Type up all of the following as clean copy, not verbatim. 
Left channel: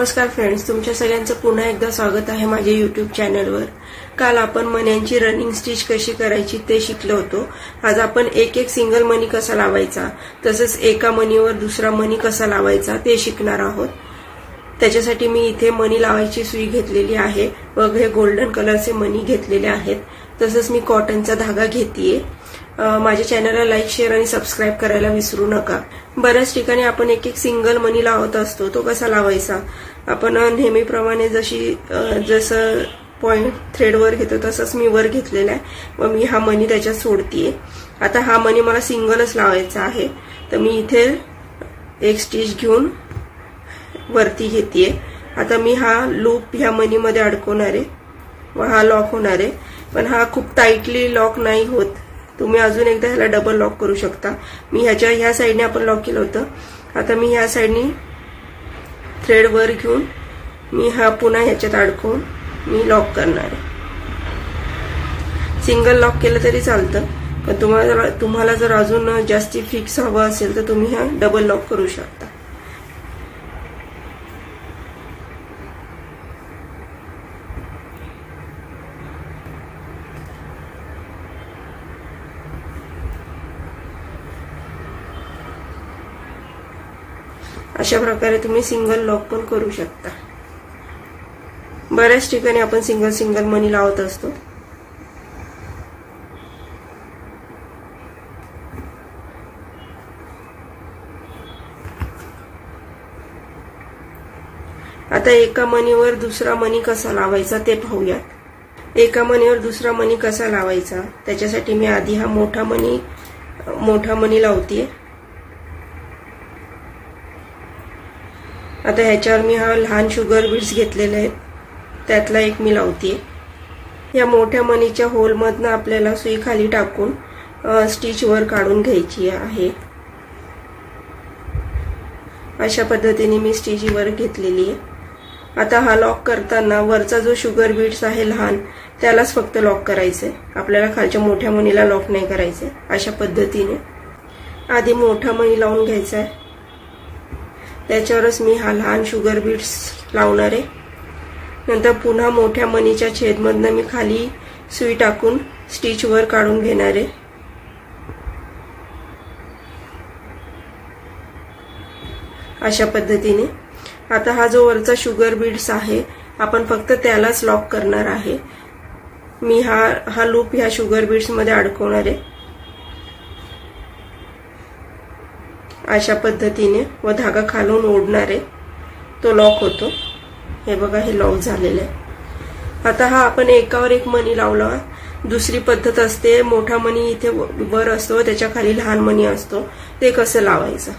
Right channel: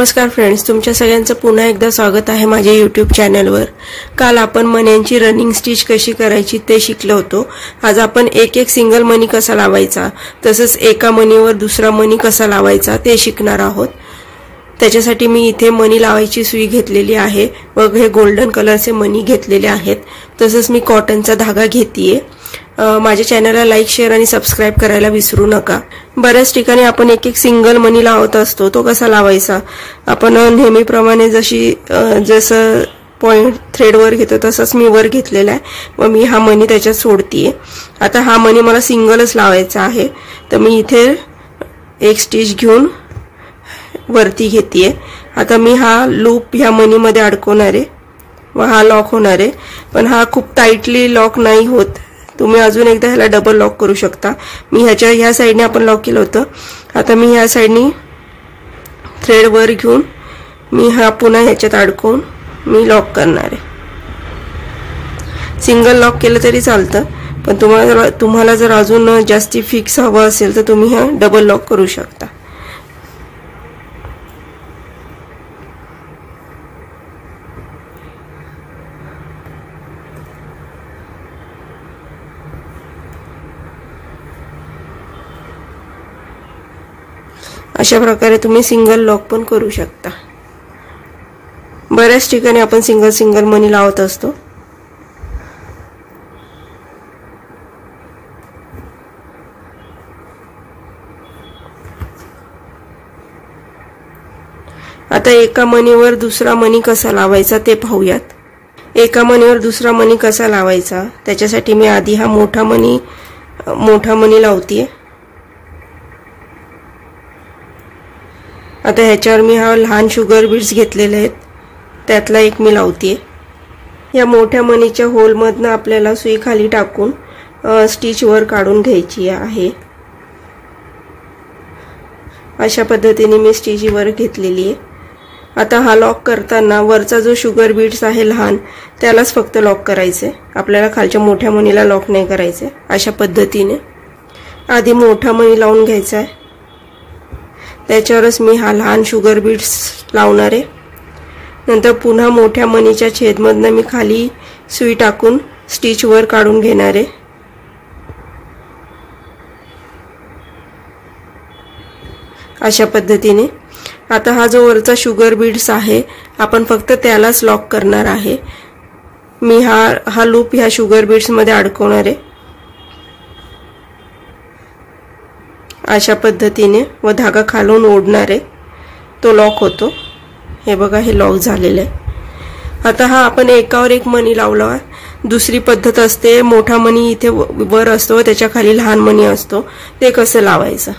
नमस्कार फ्रेंड्स, तुमच्या सगळ्यांचं पुन्हा एकदा स्वागत आहे माझ्या YouTube चॅनलवर। काल आपण मण्यांची रनिंग स्टिच कशी करायची ते शिकलो होतो। आज आपण एक एक सिंगल मणी कसा लावायचा तसंच एका मणीवर दुसरा मणी कसा लावायचा ते शिकणार आहोत। त्याच्यासाठी मी इथे मणी लावायची सुई घेतलेली आहे व हे गोल्डन कलरचे मणी घेतलेले आहेत। तसंच मी कॉटनचा धागा घेतीये। माझ्या चॅनलला लाईक शेअर आणि सबस्क्राइब करायला विसरू नका। बऱ्याच ठिकाणी आपण एक एक सिंगल मणी लावत असतो, तो कसा लावायचा आपण नेहमीप्रमाणे जसं पॉइंट थ्रेड वर घेतो तसंच मी वर घेतलेला आहे व मी हा मणी त्याच्यात सोडतीये। आता हा मणी मला सिंगलच लावायचा आहे, तर मी इथे एक स्टिच घेऊन वरती घेतीये। आता मी हा लूप ह्या मणीमध्ये अडकवणार आहे व हा लॉक होणार आहे, पण हा खूप टाइटली लॉक नाही होत। तुम्ही अजून एकदा ह्याला डबल लॉक करू शकता। मी ह्या साइडने आपण लॉक केलं होतं, आता मी ह्या साइडने थ्रेड वर घेऊन मी हा पुन्हा ह्याच्यात अडकवून मी लॉक करणार आहे। सिंगल लॉक केलं तरी चालतं, पण तुम्हाला जर अजून जास्ती फिक्स हवं असेल तर तुम्ही हा डबल लॉक करू शकता। अशा प्रकारे तुम्ही सिंगल लॉक पण करू शकता। बऱ्याच ठिकाणी आपण सिंगल मणी लावत असतो। आता एका मणीवर दुसरा मणी कसा लावायचा ते पाहूयात। एका मणीवर दुसरा मणी कसा लावायचा त्याच्यासाठी मी आधी हा मोठा मणी लावतीये। आता ह्याच्यावर मी हा लहान शुगर बीड्स घेतलेले आहेत, त्यातला एक मी लावतीये। या मोठ्या मणीच्या होल मधनं आपल्याला सुई खाली टाकून स्टिच वर काढून घ्यायची आहे। अशा पद्धतीने मी स्टिच वर घेतलेली आहे। आता हा लॉक करताना वरचा जो शुगर बीड्स आहे लहान त्यालाच फक्त लॉक करायचे, आपल्याला खालच्या मोठ्या मणीला लॉक नाही करायचे। अशा पद्धतीने आधी मोठा मणी लावून घ्यायचा आहे, त्याच्यावरच मी हा लहान शुगर बीड्स लावणार आहे। नंतर पुन्हा मोठ्या मणीच्या छेदमधनं मी खाली सुई टाकून स्टिच वर काढून घेणार आहे। अशा पद्धतीने आता हा जो वरचा शुगर बीड्स आहे आपण फक्त त्यालाच लॉक करणार आहे। मी हा लूप ह्या शुगर बीड्स मध्ये अडकवणार आहे अशा पद्धतीने व धागा खालून ओढणार आहे, तो लॉक होतो। हे बघा, हे लॉक झालेलं आहे। आता हा आपण एकावर एक मणी लावला आहे। दुसरी पद्धत असते, मोठा मणी इथे वर असतो व त्याच्या खाली लहान मणी असतो, ते कसं लावायचं।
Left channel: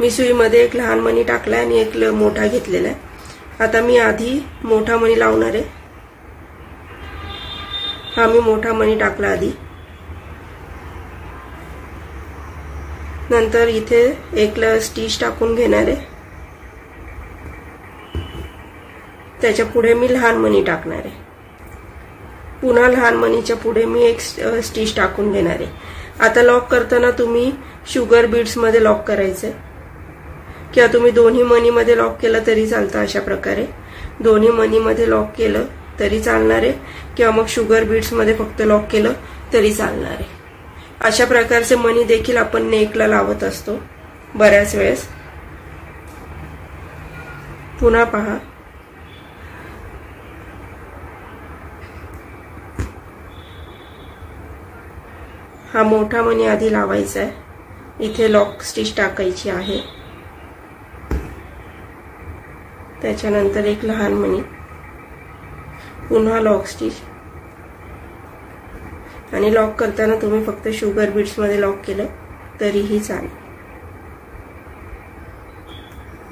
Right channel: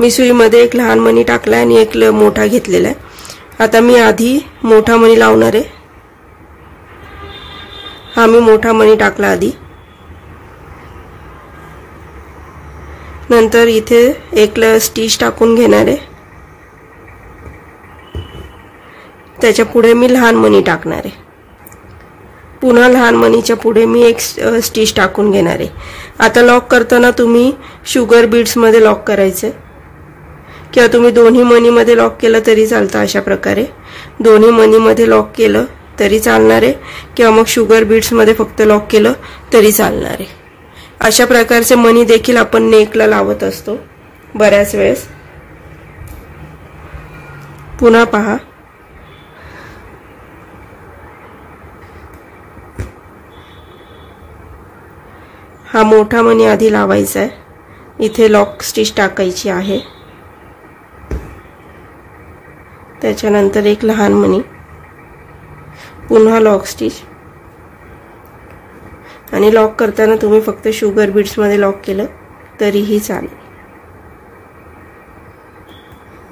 मी सुईमध्ये एक लहान मणी टाकलाय आणि एक मोठा घेतलेला आहे। आता मी आधी मोठा मणी लावणार आहे। हा मी मोठा मणी टाकला आधी, नंतर इथे एक स्टिच टाकून घेणार आहे, त्याच्या पुढे मी लहान मणी टाकणार आहे। पुन्हा लहान मणीच्या पुढे मी एक स्टिच टाकून घेणार आहे। आता लॉक करताना तुम्ही शुगर बीड्स मध्ये लॉक करायचे किंवा तुम्ही दोन्ही मणी मध्ये लॉक केलं तरी चालतं। अशा प्रकारे दोन्ही मणी मध्ये लॉक केलं तरी चालणार आहे किंवा मग शुगर बीड्स मध्ये फक्त लॉक केलं तरी चालणार आहे। अशा प्रकारचे मणी देखील आपण नेकला लावत असतो बऱ्याच वेळेस। पुन्हा पहा, हा मोठा मणी आधी लावायचा आहे, इथे लॉक स्टिच टाकायची आहे, त्याच्यानंतर एक लहान मणी, पुन्हा लॉक स्टिच, आणि लॉक करताना तुम्ही फक्त शुगर बीड्स मध्ये लॉक केलं तरीही चालेल।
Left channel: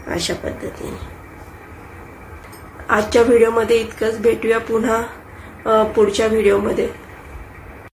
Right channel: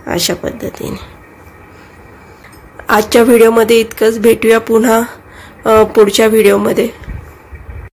अशा पद्धतीने आजच्या व्हिडिओमध्ये इतकंच। भेटूया पुन्हा पुढच्या व्हिडिओमध्ये।